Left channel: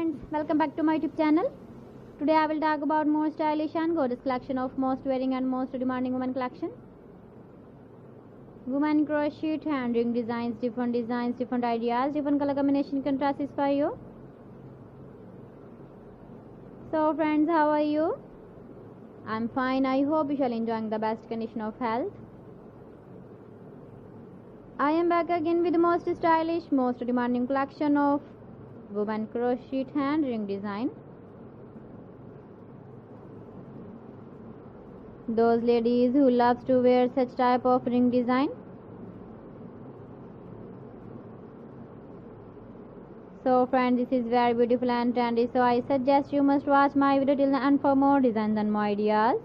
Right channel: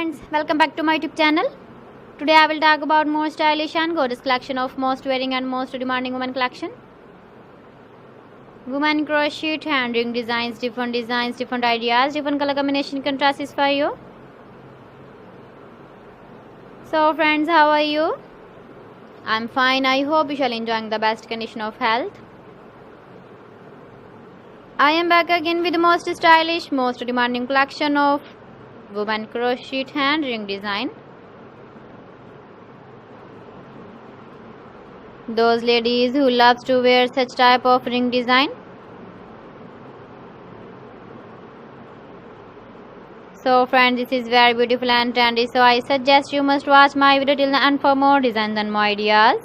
friends, welcome back to my YouTube channel. Today I will talk about more stylish and gorgeous collection of most wearing and most demanding women collection. Women crochet hand ring designs, different ideas, different color combination contrasts for you. So friends, how are you? I'm fine. I hope you shall enjoying the best condition of health. I am back again with the most stylish, most demanding collection of women crochet hand ring design. Those ladies who loves to wear such type of ring design. So friends, this is very beautiful and trendy, so I suggest you must watch my video till the end for more designs and more ideas.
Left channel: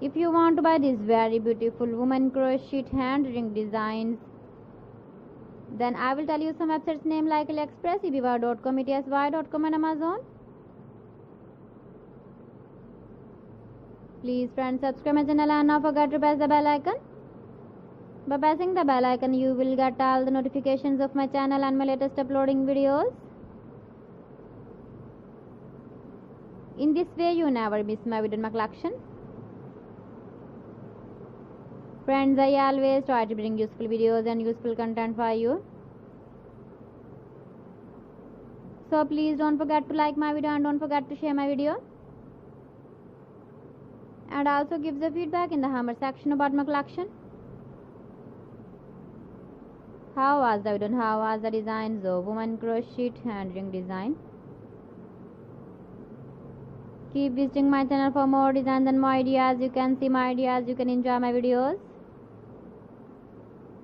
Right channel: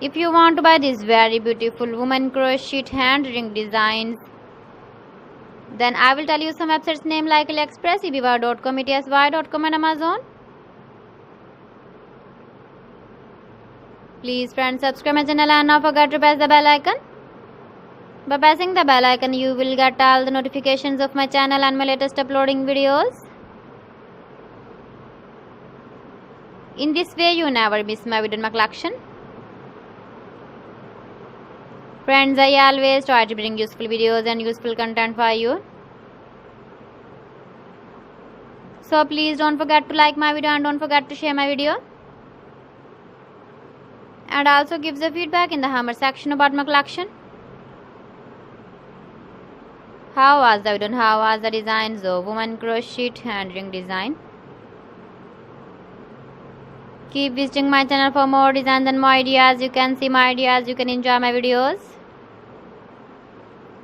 If you want to buy these very beautiful women crochet hand ring designs, then I will tell you some websites name like AliExpress, eBay.com, ETSY.com and Amazon. Please friends, subscribe my channel and not forget to press the bell icon. By pressing the bell icon, you will get all the notifications of my channel and my latest uploading videos. In this way, you never miss my video in my collection. Friends, I always try to bring useful videos and useful content for you. So please don't forget to like my video and don't forget to share my video. And also give the feedback in the comment section about my collection. How was the video and how was the designs of women crochet hand ring design? Keep visiting my channel for more designs and more ideas. You can see my ideas, you can enjoy my videos.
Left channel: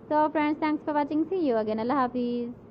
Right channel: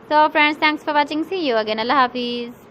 So friends, thanks for watching. See you again. Allah Hafiz.